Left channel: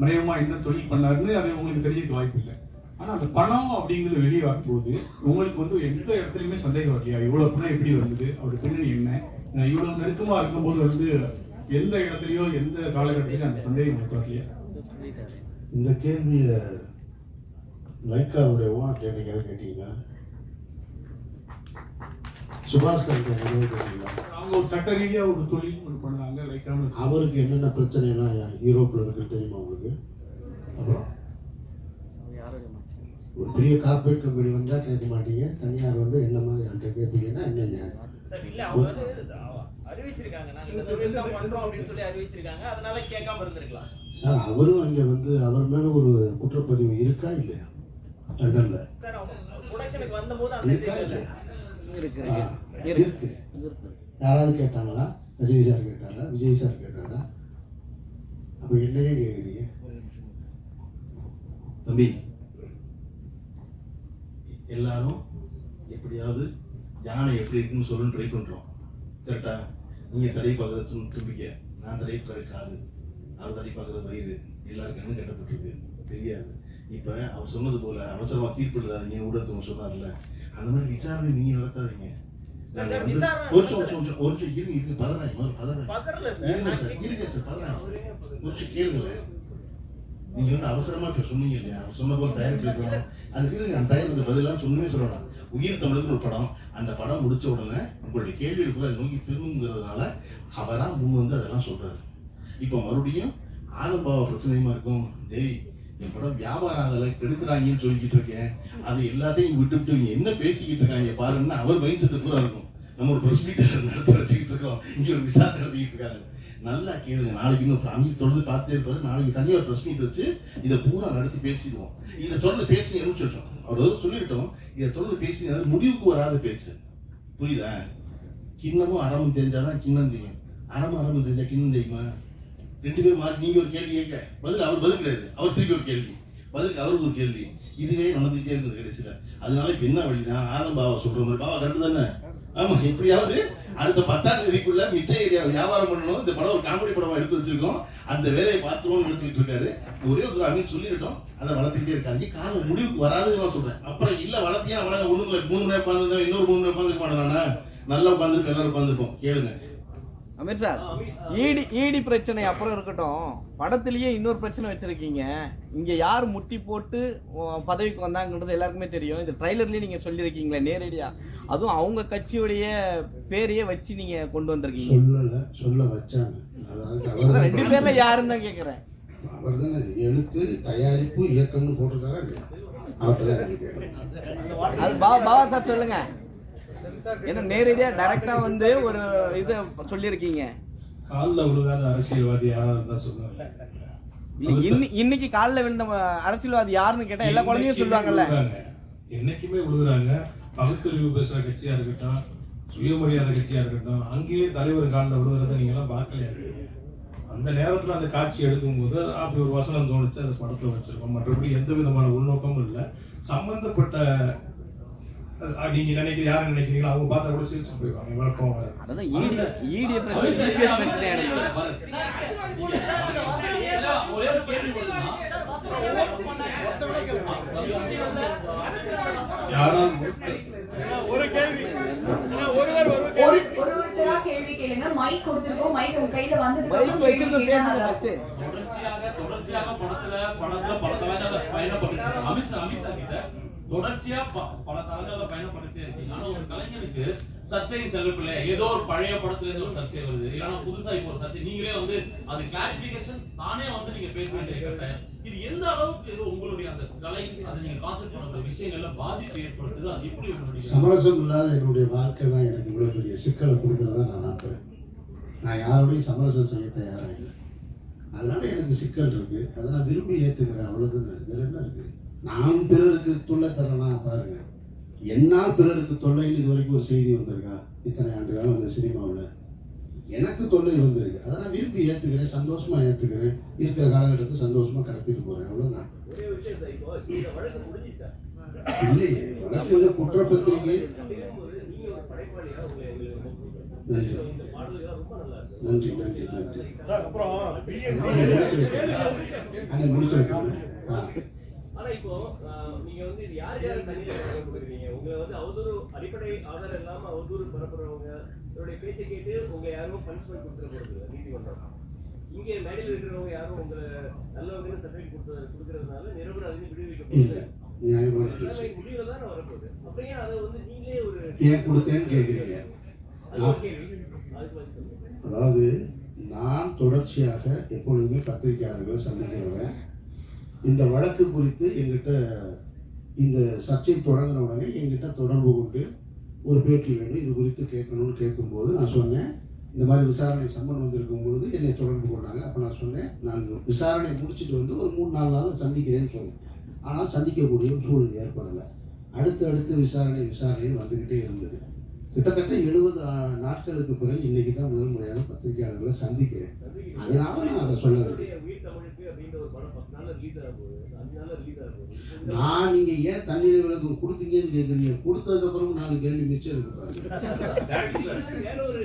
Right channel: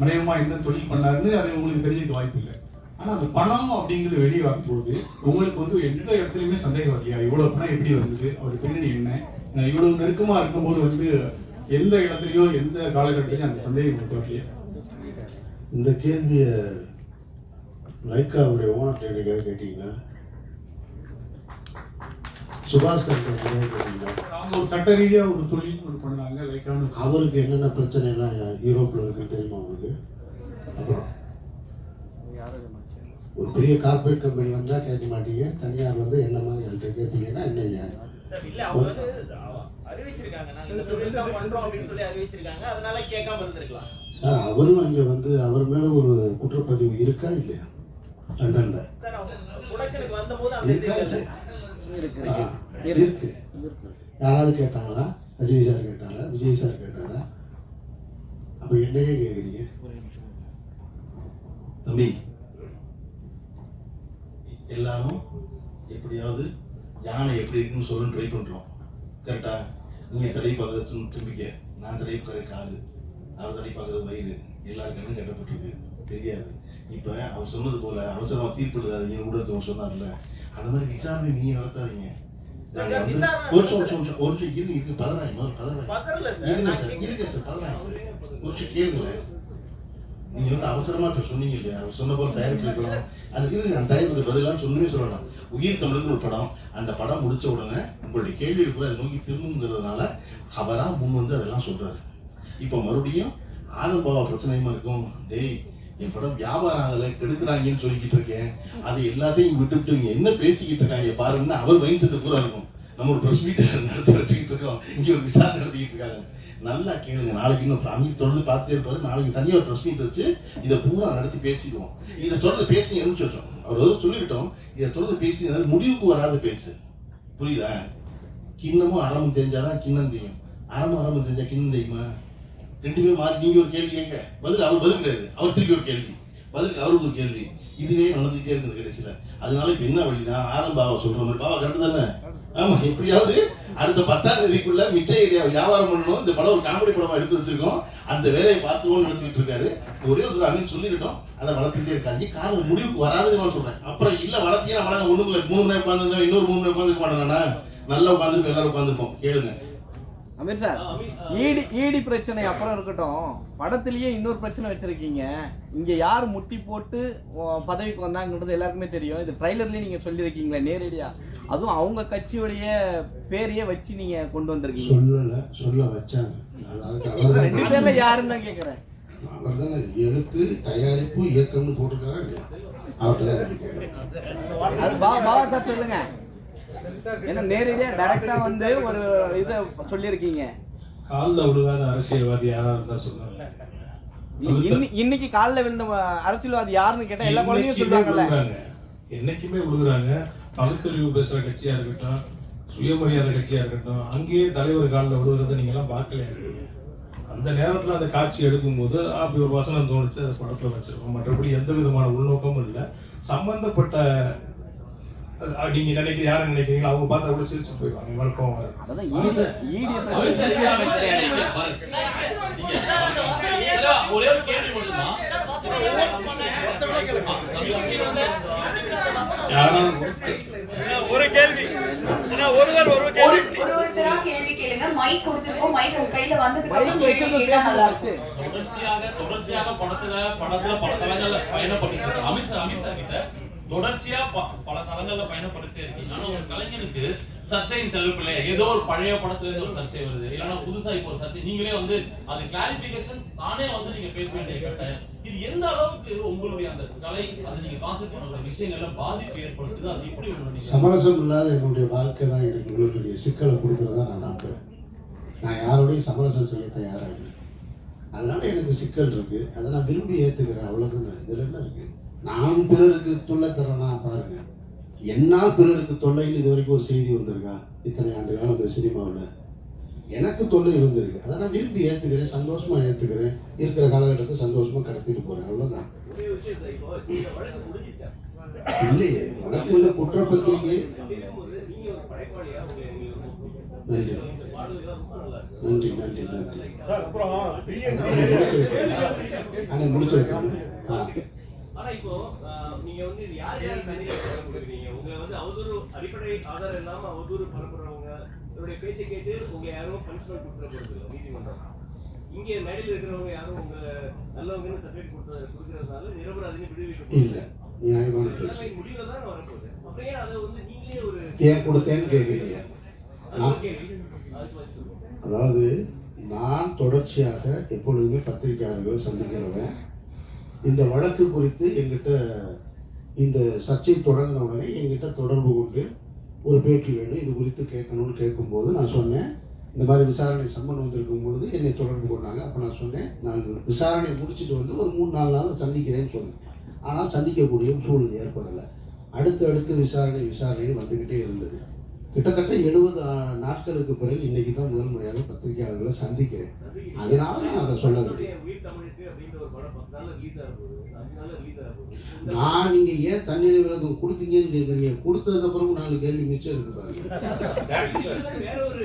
மறைமுகமா என்ன தொழில் பண்ணாருன்னு அது உங்களுக்கு தெரிஞ்சிருக்க வாய்ப்பு இல்லை. ஆனா அந்த பணம் அப்படிங்கிறது வெளியே வரும்போது உங்களுக்கு வந்து எந்த இடத்துலையுமே சந்தேகம் இல்லையா, இவ்வளவு பணம் எப்படி வந்தது, அவர் பின்னணி என்ன, இவ்வளவு நெருக்கமா இருக்கும்போது வந்து எந்த இடத்துலயோ எந்த காலகட்டத்திலையும் அந்த சந்தேகம் மட்டும் இல்லையா? இந்த கேள்வியை லைக்காவுடைய ஓனர் கேட்டீங்களா? சுபாஷ் கேட்டீங்களா? அவங்க ஒரு சட்ட ரீதியா ஒரு தொழில் பண்ணாங்க லைக்கான. அவருக்கு என்னென்ன பிரச்சனைலாம் யூரோப்பில் இருக்கு தெரியுமா உங்களுக்கு? அப்புறம் ஒரு பெரிய கார்பரேட் கம்பெனி வந்தால் கேட்க மாட்டீங்க, தனியார் வந்து என்ன மாதிரி என்கிட்ட கேட்பீங்கன்னா என்னங்க சார், அவரும் அங்கே வந்து அவர் மேலே ஒரு குற்றப்பதிவு இருக்கா இல்லையா லண்டன்ல? இருக்கா இல்லையா? இருக்கு. யாராவது கேட்டாங்களா? ரஜினி சார் கேட்டாரா? விஜய் சார் கேட்டாரா? அப்போ என்னையே கேட்குறீங்க? தம்பி, எல்லாரும் எப்படியாவது யானை எப்படி இருக்குன்னு சொல்லணும்னு ட்ரை பண்ணுறோம். கரெக்டா? நீங்கள் தடை பார்க்குறது தும்பிக்க, நான் தடை பார்க்குற காது, அவர் தடை பார்க்குறது வயிறு, எல்லாருக்கும் கட்டப்பட்டிருக்கு தெரியாது. இப்போ அவர் சொன்னது போல அவசரமாக தீர்ப்பிடுறாதீங்க ஊடகத்தை சொன்னார்ல, அந்த மாதிரி விசாரணை நீங்கள் நடத்தாதீங்க. நீங்க வந்து அவசரமா இப்ப சொன்னீங்க இல்லையா, அவர் சொன்ன போல தயாரிப்பு அது இருக்கு. அந்த தயாரிப்புக்கு பதிலாக சொன்னே சொல்லலாம். உயிர் தமிழுக்கு ஒரு படம், அந்த படம் முடிச்ச உடனே உங்களுடைய கேள்வி கூட அதை நோக்கி திரும்புங்கிறதுனால அவரா முன் வந்து அதெல்லாம் சொல்றாரு. இப்போ மறுபடியும் ஆதம்பாவா பிரச்சனையுமா இருக்கும். டேய், என் படம் வியாபாரங்களை கெடுக்கிறாங்கன்னு சொல்லிக்கிட்டு இருக்கேன், அது எல்லாத்தையும் விட்டுவிட்டு இங்க என்ன பேசிக்கிட்டு இருக்காங்க பாருன்னு அவர் மைண்ட் செட்டு பூரா இருக்கும். நம்ம ஒரு ப்ரெஸ் மீட்டை நடத்தி வச்சுக்கிட்டு இருக்கோம், இங்கே ஒரு விசாரணை நடத்திக்கிட்டு இருக்காங்க. நல்லா கேளுங்க. நாளைக்கு இன்னும் அமீர் தொடர்ந்து பார்த்துட்டே இருப்பாரு. நாளைக்கு தனியாக ஒரு ப்ரெஸ் மீட் வச்சு இதை பூரா நடத்தி பேசிடுவோம். இதை தொடர்ந்து பேசி சொல்றோம், அவர் ஏதோ சொல்லிக்கிட்டோம், இதை தொடர்ந்து பேசி முடிவுக்கு வராத பேச்சு. புரியுதா? கிண்ணமும் அறமும் தெரிஞ்சாதான் கிண்ணம் தெரியும், அறமும் தெரிஞ்சா கிண்ணம் தெரியுமா? ரெண்டு பேரும் மாறி நீங்க ஒரு கேள்வி கேட்க பதில் அவர் பதில் கிடையாது, அவர் திருப்பி ஒரு கேள்வி, பதிலுக்கு அவருக்கு ஒரு கேள்வி, இதுவே நடந்துகிட்டே இருக்குது கடைசியில. அதனால இப்ப என்ன வழினா ஆதம் பாவா சொல்றோம், பாவா கரெக்டு தானே? ஆமா, எப்படியாவது அடுத்த 10ஆம் தேதிக்குள்ள மிச்ச ஏரியா வியாபாரம் பண்ணணும். இந்த படம் ஒரு காமெடி படமா எடுத்து வச்சிருக்கோம், அந்த வேலையை பார்த்துருவோம்னு நினைச்சுட்டு இருக்காரு. ஒரே ஒரு அவங்க சொல்லிக்கிட்டோம், அதை வளர்த்துக்கிட்டே இருக்காங்க. காரணம் முடிவுக்கு வராதுன்னு நான் சொல்றேன். அப்புறம் இல்ல வளர்த்தியா வளர்க்க ஒண்ணும் இல்லை, 3 மணி உட்காந்துருந்தோம், இன்னொரு 3 மணி உட்காந்துருக்க மாட்டேனா? நல்லா உட்காந்துருக்கோம், எல்லாரும் உட்காந்துருப்போம். கேளுங்க அமீர் சார், ஈடி பிரச்சனை அப்புறம் இருக்கட்டும், படத்திலேயே இன்னொரு பிரச்சனை வச்சிருக்கீங்க. இங்க யார் முட்டி போட்டு பதவிக்கு வந்தாங்கன்றது எல்லாருக்குமே தெரியும். இது ட்ரைலர்லயே நீங்க சொல்லியிருக்கீங்களே நேரடியா, அதுவும் அவங்க கட்சியுடைய பேரையே வச்சு நீங்க கொண்டு வந்திருக்கீங்க. சொல்ல வச்சாங்க. ரெண்டு பேர்ல யாருன்னு தான் கேட்கிறேன். அவர் தானே எழுத்து தயாரிப்பு இயக்கம்னு போட்டிருக்காரா இல்லையா? அது பாபா சார் சொல்லுங்க. ஏன்னா நேரடியா டைரக்டா வந்து ஒரு இது சொல்லியிருக்கீங்க. காலில் விழுகாத அரசியல்வாதி யாரா இருந்தா சொன்னாங்க. இன்னைக்கு காலில் விழுந்த அரசியல்வாதி யாருன்னு கேட்டா எல்லா குழந்தையும் சொல்றாங்கல்ல. என்னைக்குமே விழுகுறாங்க. பகுத்தறிவு பேசுற கட்சியா இருக்கட்டும், சுயமரியாதை கட்சியா இருக்கட்டும், அங்கேயே தலைவர் காலில் விழுகிறத நீங்க எல்லாம் பார்க்கலையா? அந்த நேரத்தில் அந்த காட்சி எடுக்கும்போது அப்படி ஒரு வசனம் தோணுச்சு, அதை படத்தில் வச்சிருக்கோம். மற்றபடி எந்த விதமான உள்நோக்கமும் இல்லை. சம்பந்தப்பட்ட நீங்க நினைக்கிறீங்க, யாரும் நினைக்கிறீங்களோ அவங்க பார்த்தா கூட சிரிச்சு போயிடுவாங்க. வழக்கம் ஒரே ஒரு கேள்வி மட்டுமா? ஒரு கேள்வி, ஒருவர் கேள்வி கேளுங்க. மைக் கொடுத்துருக்கோம், மைக் உங்க கையில வந்ததுக்கு தொடர்ச்சியாக படத்துல பல தளங்கள்ல பயணப்பட்டு அமித் சார் கிட்ட தொடர்ச்சியா பல தளங்கள்ல பயணப்பட்டுட்டே இருக்கீங்க. ஆனா ஒரு கலைஞனுக்கு சர்ச்சையின் செல்வப்பில்லை, ஏதோ ஒரு பழைய படத்துல இருந்து ஒரு சர்ச்சை வருது, இல்லைன்னா புதுசா இப்போ ஒரு சர்ச்சை, நீங்களே வந்து அது கிளாரிபிகேஷன் தானே வந்து நீங்க பேச வேண்டிய கட்டாயம். இது எந்த அளவுக்கு உங்களுடைய அந்த கலை, அதை நீங்க கான்செப்ட் பண்ண விஷயங்கள்ல பாதிப்பு ஏற்படுத்துது? அது எப்படி சமரசம் இல்லாத என்னுடைய வாழ்க்கை தான் எனக்கு இவ்வளவு பெரிய சிக்கலை கொடுக்கிறதா நான் நம்புறேன். நான் யாரோடையும் சமரசம் செய்ய தயாராக இல்லை. அதனால எனக்கு சிக்கல் இருக்கு, அதை நான் விரும்பி ஏற்றுக்கிறேன். அவ்வளவுதான். இதுல என்ன இருக்கு? நான் பிறருக்கு தொல்லை தரேன்னா பாருங்க, என்னால் பிறருக்கு தொல்லைன்னு இது வரைக்கும் ஒரு செய்தி வந்திருக்கா? இத்தனை ஆண்டு காலம் இந்த சினிமாவில் எனக்கு தொல்லை வந்திருக்கு. அதை நான் விரும்பி ஏற்றுக்கிறேன், சந்தோஷமா ஏற்றுக்கிறேன். இருக்கிற காலகட்டத்தை சந்தோஷமா கடத்திட்டு போறேன். அவ்வளவுதான். இல்லையே, வழக்கு உள்ள குற்றப்பத்திரிகை நன்றி இந்த பாடல்கள் ரொம்ப நல்லா இருக்கு. நன்றி நன்றி நன்றி அண்ணே முடிச்சு வைக்கணும். ஆனா இப்போ நீங்க வந்து இது யார் யார் தண்ணீர் கொடுக்குறீங்க? உங்களை வந்து அவதூறு அடிப்படை ஆதாரம் இல்லாம அவதூறு பரப்புறவங்க இவருடைய பேச்சை கேட்டு உங்க யாரும் பனிஷ்மெண்ட் கொடுத்துட போறது நீதிமன்றம். இங்க மேடையில் இருக்கிறவங்க யாரும் உங்களை நல்லவங்கன்னு சர்டிபிகேட் கொடுக்கறதுனால நிரபராதின்னு விடுவிக்க இல்லை நியாயமான பேச்சு. முடிவுல தான் வரப்போகுது. அப்படியே அதை வந்து நீங்களே ஒரு ஏன் கொடுத்தேன்னு கேட்குறீங்க. அது ஒரு கேள்வி. அதுக்கு பதில் சொல்லுங்க. அதாவது நான் தொடர்ச்சியாக எப்பொழுதுமே பத்திரிகையாளர்களை சந்திக்கிறவன். இந்த வழக்கு குறித்து எங்கிட்ட இந்த சர்ச்சை தொடங்கின உடனே எங்கிட்ட தொடர்பு கொண்டு ஒரு பேட்டி வேணும், இது குறித்து கேட்கணும்னு கேட்கும்போது நான் சொன்னேன், இந்த மாதிரி விசாரணை சம்மன் வந்திருக்கும் பொழுது என்னை தொடர்பு கொண்டாங்க. அப்போ நான் சொன்னேன், நான் விசாரணையை முடிச்சுட்டு வந்து ஒரு 3-4 நாள் சந்திக்கிறேன்னு சொன்னேன். ஆனால் சந்திக்கக்கூடிய ஒரு சூழ்நிலை ஏற்படலை. அடுத்து விசாரணைன்னு வந்துக்கிட்டே இருந்தது. கிட்டத்தட்ட 70 நாட்களுக்கு பிறகு இன்னைக்கு தான் முதல் முறையாக பத்திரிகையாளர்களை சந்திக்கிறேன். அதனால நான் அதை சொல்ல வேண்டியது. உயிர் தமிழுக்கு அப்படின்ற ஒரு படம் 10 நாள்ல ரிலீஸ் ஆக போகுது, 5 நாள்ல ரிலீஸ் ஆக போகுது. நான் நீங்க ஏன் தண்ணீர் விளக்கம் கொடுத்தீங்கன்னு கேட்குறீங்க. கொடுத்ததுக்கு அப்புறம் 4 கேள்வி மிச்சம் இருக்கு பாருங்க. வேற ஒரு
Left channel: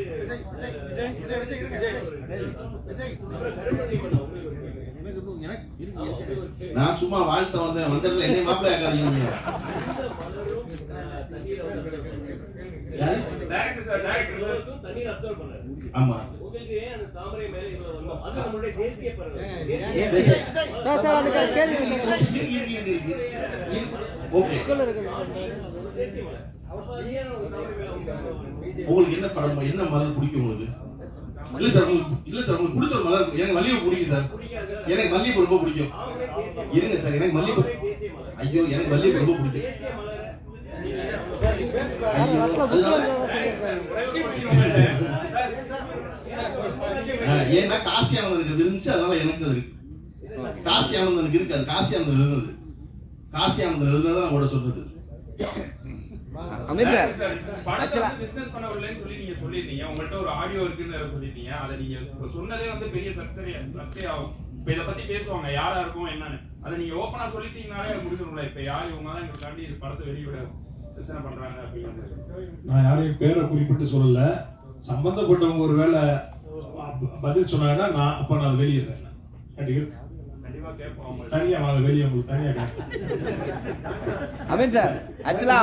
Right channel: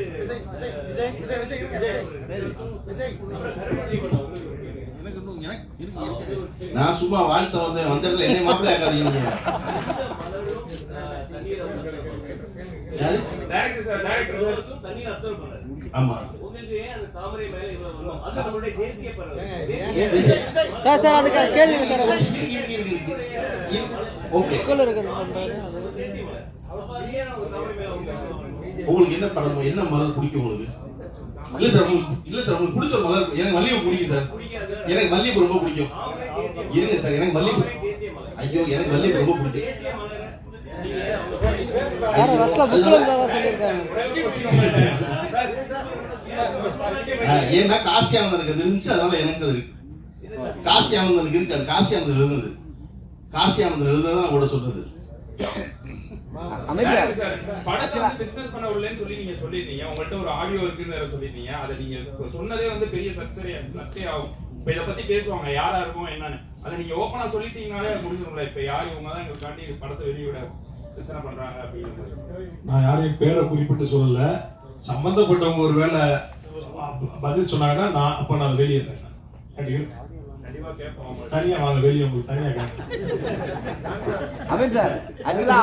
நான் சும்மா வாழ்த்த வந்ததுல என்னை மாப்பிள்ளை ஆக்காதீங்க. தண்ணீர் அப்சர்வ் பண்ணாரு. ஆமா உங்களுக்கு ஏன் அந்த தாமரை மேல இவ்வளவு வரும்? அது நம்மளுடைய தேசிய பறவை. சார் அதுக்கு கேள்வி ஓகே. தேசிய மலர். அப்ப அது ஏன் ஒரு தாமரை மேல உங்களுக்கு என்ன படம் என்ன மலர் பிடிக்கும் உங்களுக்கு? இல்ல சார் உங்களுக்கு பிடிச்ச ஒரு மலர். எனக்கு மல்லிகைப்பூ பிடிக்கும் சார். எனக்கு மல்லிகைப்பூ ரொம்ப பிடிக்கும். இருங்க சார், எனக்கு மல்லிகைப்பூ. ஐயோ எனக்கு மல்லிகைப்பூ ரொம்ப பிடிக்கும். தேசிய மலரை ஏன்னா காசி ஆனந்தனுக்கு இருந்துச்சு, அதனால எனக்கு அது இருக்கு. காசி ஆனந்தனுக்கு இருக்கு, அது காசி ஆனந்தன் எழுதுனது. காசி ஆனந்தன் எழுதுனதான் நான் கூட சொல்றது. படத்தை பிசினஸ் பண்ண விடலன்னு சொல்லி நீங்க சொல்லிருந்தீங்க. உங்கள்ட்ட ஒரு ஆடியோ இருக்குன்னு சொல்லிருந்தீங்க. அதை நீங்க சொன்னதே வந்து பெரிய சர்ச்சை ஆகும். இப்ப இதை பத்தி பேசுவாங்க யாரா இருக்கும் என்னன்னு. அதை நீங்க ஓப்பனா சொல்லிட்டீங்கனாலே அது முடிஞ்சிடும்ல. இப்ப யார் இவங்க தான் எங்களுக்காண்டி படத்தை வெளியிட பிரச்சனை பண்றாங்க அப்படின்னு. நான் யாரையும் பேரை குறிப்பிட்டு சொல்லல. சம்பந்தப்பட்டவங்க ஒரு வேலை பதில் சொன்னாங்கன்னா நான் வெளியிடுறேன். கண்டிப்பா கேட்போம். தனியா வாங்க, வெளியே உங்களுக்கு தனியா கேட்பேன். அமீர் சார், ஆக்சுவலா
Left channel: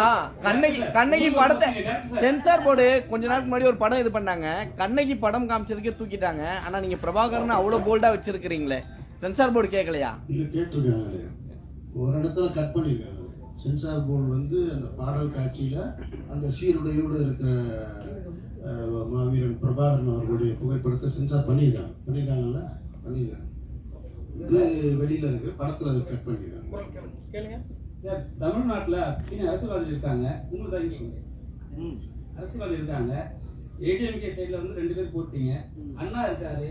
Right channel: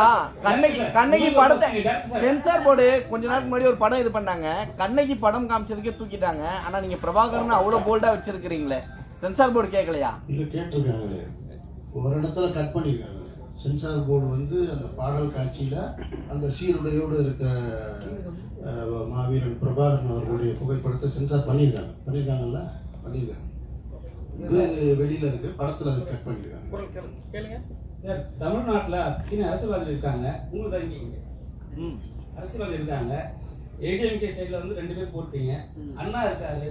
கண்ணகி படத்தை சென்சார் போர்டு கொஞ்ச நாளுக்கு முன்னாடி ஒரு படம் இது பண்ணாங்க. கண்ணகி படம் காமிச்சதுக்கே தூக்கிட்டாங்க. ஆனா நீங்க பிரபாகரன் அவ்வளவு போல்டா வச்சிருக்கீங்களே, சென்சார் போர்டு கேட்கலையா? இல்ல கேட்டிருக்காங்களே, ஒரு இடத்துல கட் பண்ணிருக்காங்க. சென்சார் போர்டு வந்து அந்த பாடல் காட்சியில அந்த சீருடையோடு இருக்கிற மாவீரன் பிரபாகரன் அவர்களுடைய புகைப்படத்தை சென்சார் பண்ணியிருக்காங்கல்ல. இது வெளியில இருக்கு, படத்துல அதை கட் பண்ணிருக்காங்க. சார், தமிழ்நாட்டுல அரசியல்வாதிகள் இருக்காங்க, உங்களுக்கு அறிவிங்க. அரசியல்வாதி இருக்காங்க. ஏடிஎம்கே சைடுல வந்து 2 பேர் போட்டீங்க. அண்ணா இருக்காரு,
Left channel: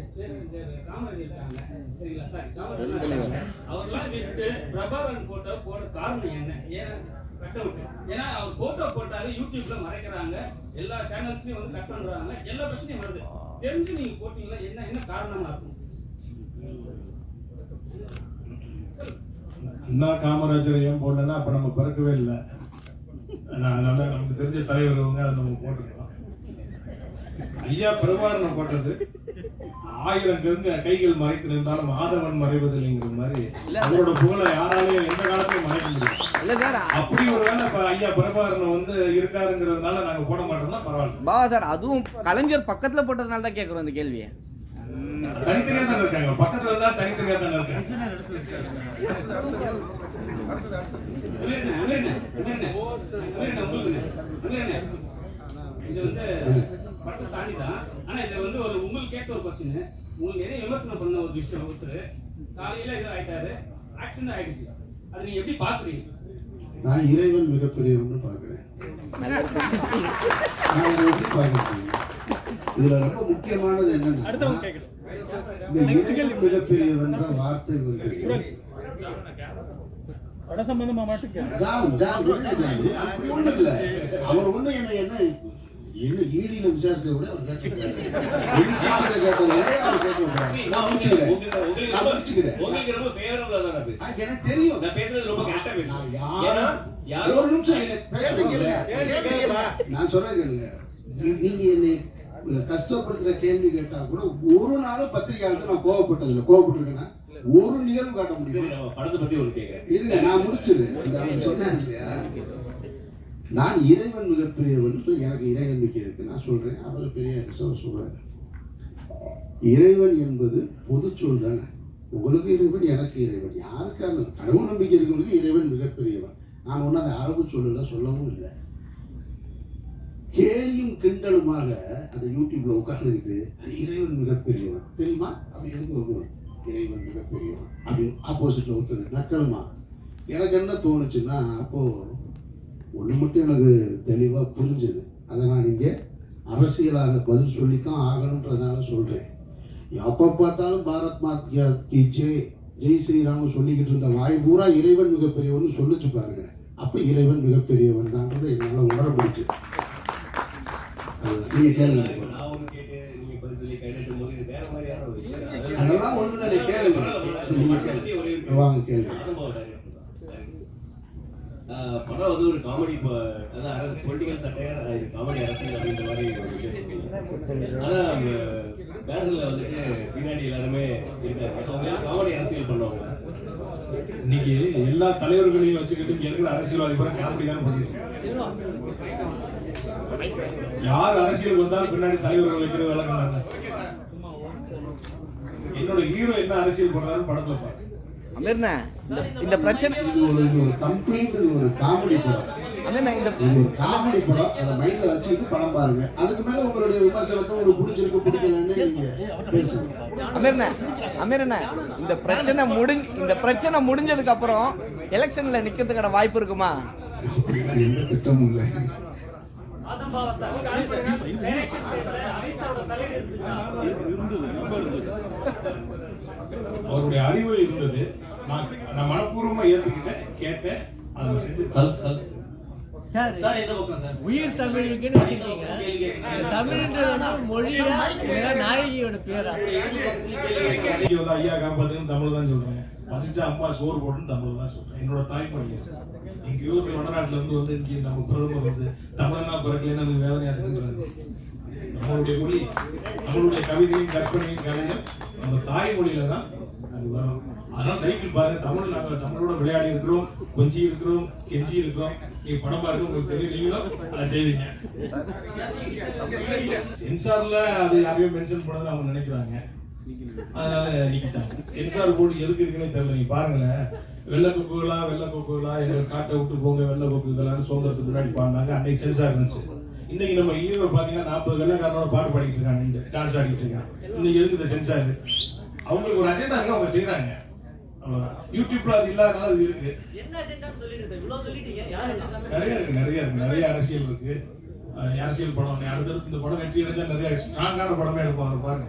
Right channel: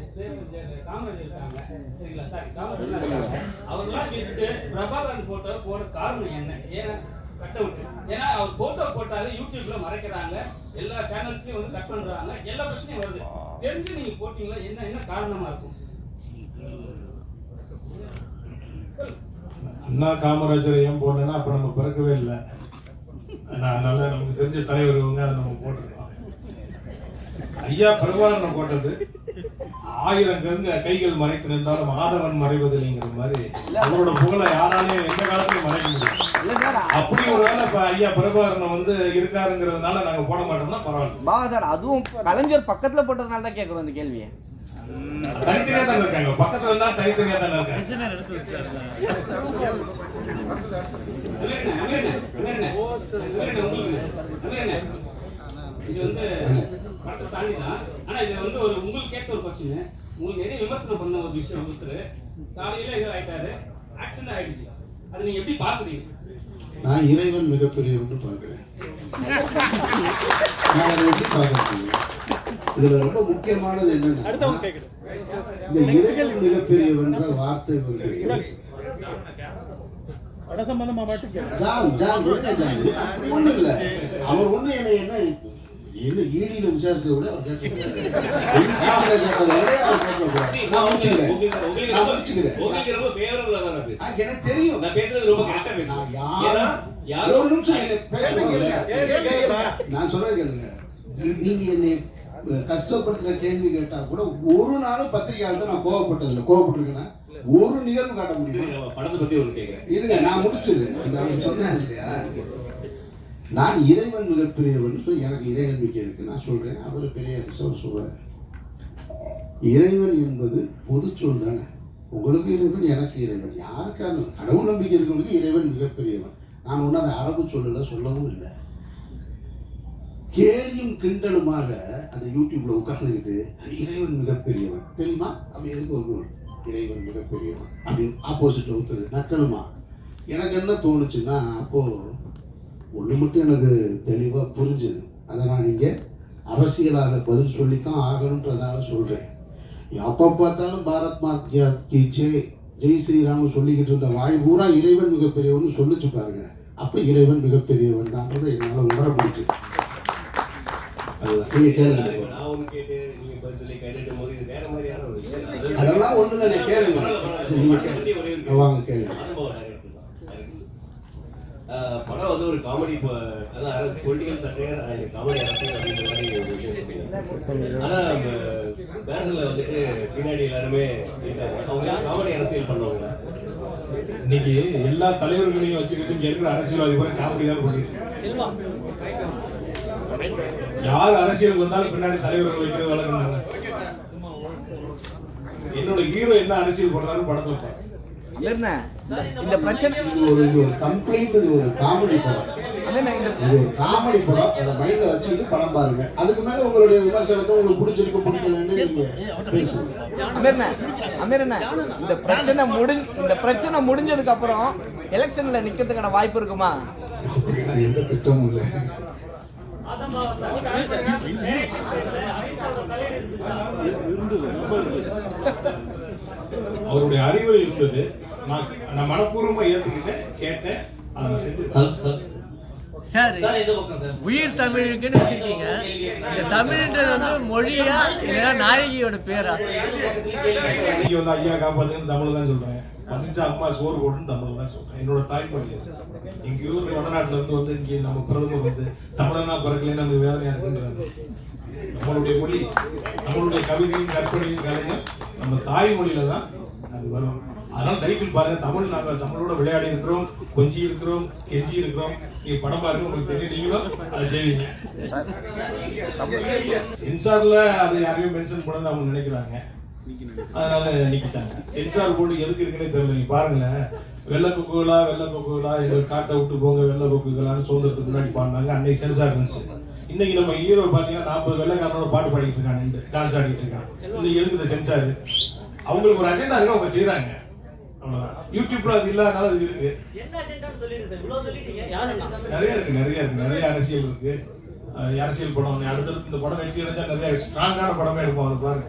காமராஜர் இருக்காங்க. சரிங்களா சார், காமராஜர் இருக்காங்க. அவர்லாம் விட்டு பிரபாகரன் போட்டோ போட காரணம் என்ன? ஏன்னா கட்ட விட்டு, ஏன்னா அவர் போட்டோ போட்டாலே யூடியூப்ல மறைக்கிறாங்க, எல்லா சேனல்ஸ்லயும் வந்து கட் பண்றாங்க, எல்லா பிரச்சனையும் வருது. தெரிஞ்சு நீங்க போட்டீங்களா? என்ன காரணமா இருக்கும்? அண்ணா காமராஜரை ஏன் போடலன்னா அப்புறம் நம்ம பிறக்கவே இல்லை. அதனால நமக்கு தெரிஞ்ச தலைவர் இவங்க, அதை நம்ம போட்டிருக்கோம். ஐயா பிரபாகரனை போட்டது 1000 கைகள் மறைத்து நின்றாலும் மாதவன் மறைவதில்லைங்கிற மாதிரி அவரோட புகழை யாராலையும் எந்த காலத்திலும் மறைக்க முடியும். அப்படி ஒரு வேலை ஐயா பிரபாகரனை வந்து இருக்காருங்கிறதுனால நாங்க போட மாட்டோம்னா பரவாயில்ல. பாவா சார், அதுவும் கலைஞர் பக்கத்துல போட்டதுனால தான் கேட்கறோம் இந்த கேள்வியை. தனித்தனியா தான் இருக்காங்க, பக்கத்துல இருந்தா தனித்தனியா தான் இருக்காங்க. இது வந்து படத்தை தாண்டி தான். ஆனா இது வந்து ஒரு உங்களுக்கு கேட்ட ஒரு கொஸ்டின். உங்களுக்கு நிறைய விமர்சனம் பண்ண ஒரு விஷயம். ஒருத்தர் காலையில இது ஆயிட்டாரு, ஆக்சிடென்ட் ஆயிடுச்சு. அதை நீங்க எப்படி பாக்குறீங்க? நான் இறைவன் மிகப்பெரியவன்னு பார்க்கிறேன். நான் அதை எப்படி பார்க்கறேன்? இதுல ரொம்ப முக்கியமானது என்னன்னா, இந்த இறைவன் மிகப்பெரியவன்ற வார்த்தை வந்து ஒண்ணு இல்ல. அவர் ஒண்ணு என்ன ஈடியில விசாரிச்சதை விட அவர் எனக்கு தெரியும். ஒரு நிமிஷம் நான் சொல்றது கேளுங்க. நீங்க என்னை கஷ்டப்படுத்துற கேள்வி கேட்டா கூட ஒரு நாளும் பத்திரிகையாளர்கிட்ட நான் கோவப்பட்டதில்லை. கோவப்பட்டிருக்கேன்னா ஒரு நிகழ்வு காட்ட முடியும். படத்தை பத்தி ஒரு கேட்கிறேன் இருங்க, நான் முடிச்சிடுறேன். அந்த அவர் சொன்னார் இல்லையா, நான் இறைவன் மிகப்பெரியவன், எனக்கு இறை நம்பிக்கை இருக்கு, நான் சொல்றேன். அவர் பெரிய சொல்றாரு, இறைவன் என்பது பொது சொல் தானே. உங்களுக்கு இறைவன், எனக்கு இறைவன், யாருக்காக கடவுள் நம்பிக்கை இருக்கவங்களுக்கு இறைவன் மிகப்பெரியவன். நான் ஒன்றும் அதை அரபு சொல்லல, சொல்லவும் இல்லை. கேலியும் கிண்டலுமாக அந்த யூடியூப்ல உட்கார்ந்துக்கிட்டு இறைவன் மிகப்பெரியவன் தெரியுமா, அப்படி எதுக்கு ஒரு இறைவன் மிகப்பெரியவன் அப்படின்னு ஆப்போசிட்ல ஒருத்தர் நக்கலுமா. எனக்கு என்ன தோணுச்சுன்னா, அப்போ ஒன்று மட்டும் எனக்கு தெளிவாக புரிஞ்சுது. அதை நான் இங்கே அரசியலாக பதில் சொல்லித்தான் ஆகணுன்றதுனால சொல்கிறேன். எப்போ பார்த்தாலும் பாரத் மாதா கி ஜெய், ஜெய் ஸ்ரீராம் சொல்லிக்கிட்டு இருந்த வாய் பூரா இறைவன் மிகப்பெரியவன் சொல்லிச்சு பாருங்க. அப்போ இறைவன் மிகப்பெரியவன் தான்றதை என்னால் உணர முடிஞ்சு. அதுதான் நீங்கள் கேளுங்க. அதெல்லாம் ஒன்று தானே, கேளுங்க. நீங்கள் வாங்க கேளுங்க. படம் வந்து ஒரு காமெடி, அதாவது பொலிட்டிக்கல் சட்டையர், காமெடி அரசியல் அப்படின்ற மாதிரி ஒரு விஷயம் சொன்னீங்க. ஆனா அந்த பேனர்ல வந்துட்டு பின்னாடி எல்லாருமே இருக்காங்க, அவங்க காமெடி அரசியல் பண்ணுவாங்க. இன்னைக்கு எல்லா தலைவர்களையும் வச்சுக்கிட்டு இங்க இருக்கிற அரசியல்வாதி கூட காமெடி தான் பண்ணிட்டு யார் அரசியலுக்கு வந்தாலும் பின்னாடி தலைவர்கள் வைக்கிறது வழக்கம். என்னோட ஹீரோ என்ன அரசியல் பண்றாரு படத்துல பாரு. இந்த பிரச்சனை இது ஒரு கம்ப்ளீட் ஒரு காமெடி படம். இது ஒரு காமெடி படம். அதை மைண்ட்ல வச்சுக்கிட்டு படம் பாருங்க. அதுக்கு மேல உங்களுடைய விமர்சனத்தை உங்களுக்கு பிடிச்சிருக்கு பிடிக்கலன்னு நீங்க பேசுங்க. அமீரண்ணா, இந்த பிரச்சனை முடிஞ்சதுக்கு அப்புறம் எலெக்ஷன்ல நிக்கிறதுக்கான வாய்ப்பு இருக்குமா? எந்த திட்டமும் இல்லை. அவருடைய அறிவுரை இருந்தது, நான் மனப்பூர்வமா ஏத்துக்கிட்டேன், கேட்டேன், அதை செஞ்சு. சார், உயிர் தமிழுக்குன்னு வச்சுக்கீங்க. தமிழ்ன்றது வந்து மொழியா இல்லையா நாயகியோட பேரா? இங்க வந்து ஐயா காப்பாத்துன்னு தமிழ் தான் சொல்றேன். பசிச்சா அம்மா சோறு போட்டுன்னு தமிழ் தான் சொல்றேன். என்னோட தாய்மொழி. எங்க ஊர்ல வடநாட்டுல இருந்து வந்து இங்க நம்ம பிரதமர் வந்து தமிழனா பிறக்கலன்னு எனக்கு வேதனையா இருக்குங்கிறது. நம்மளுடைய மொழி, நம்மளுடைய கவிதையும் கற்பனையும் கலைஞர் நம்ம தாய்மொழியில தான் அது வரும். அதனால டைட்டில் பாருங்க, தமிழ், நாங்கள் தமிழோட விளையாடி இருக்கிறோம், கொஞ்சி இருக்கிறோம், கெஞ்சி இருக்கிறோம். நீங்க படம் பாருங்க, உங்களுக்கு தெரியும், நீங்களும் அதை செய்வீங்க. சென்சார்ல அது யாரையும் மென்ஷன் பண்ணணும்னு அவங்க நினைக்கிறாங்க, அதனால நீக்கிட்டாங்க. சென்சார் போர்டு எதுக்கு இருக்குன்னே தெரியல. நீங்க பாருங்களேன், வெள்ளை கொக்குகளா இதை காட்டை விட்டு போங்க, வெள்ளை கொக்குகளான்னு சுதந்திரத்துக்கு முன்னாடி பாடினாங்க. அன்னைக்கு சென்சார் இருந்துச்சு. இன்னைக்கு நம்ம ஹீரோ பாத்தீங்கன்னா 40 வெள்ளைக்காரனோட பாட்டு பாடிட்டு இருக்காங்க, டான்ஸ் ஆடிட்டு இருக்காங்க. இன்னைக்கு எதுக்கு சென்சார்? அவங்களுக்கு ஒரு அஜெண்டா இருக்கு, அவங்க செய்யறாங்க. யூடியூப்ல அது இல்லாதனால இது இருக்கு. நிறைய அரசியல் இருக்கு. அரசியல் படம் அடுத்தடுத்து இந்த படம் வெற்றி அடைஞ்சா நிறைய ஸ்ட்ராங்கான படமே இருக்கும். அதை பாருங்க.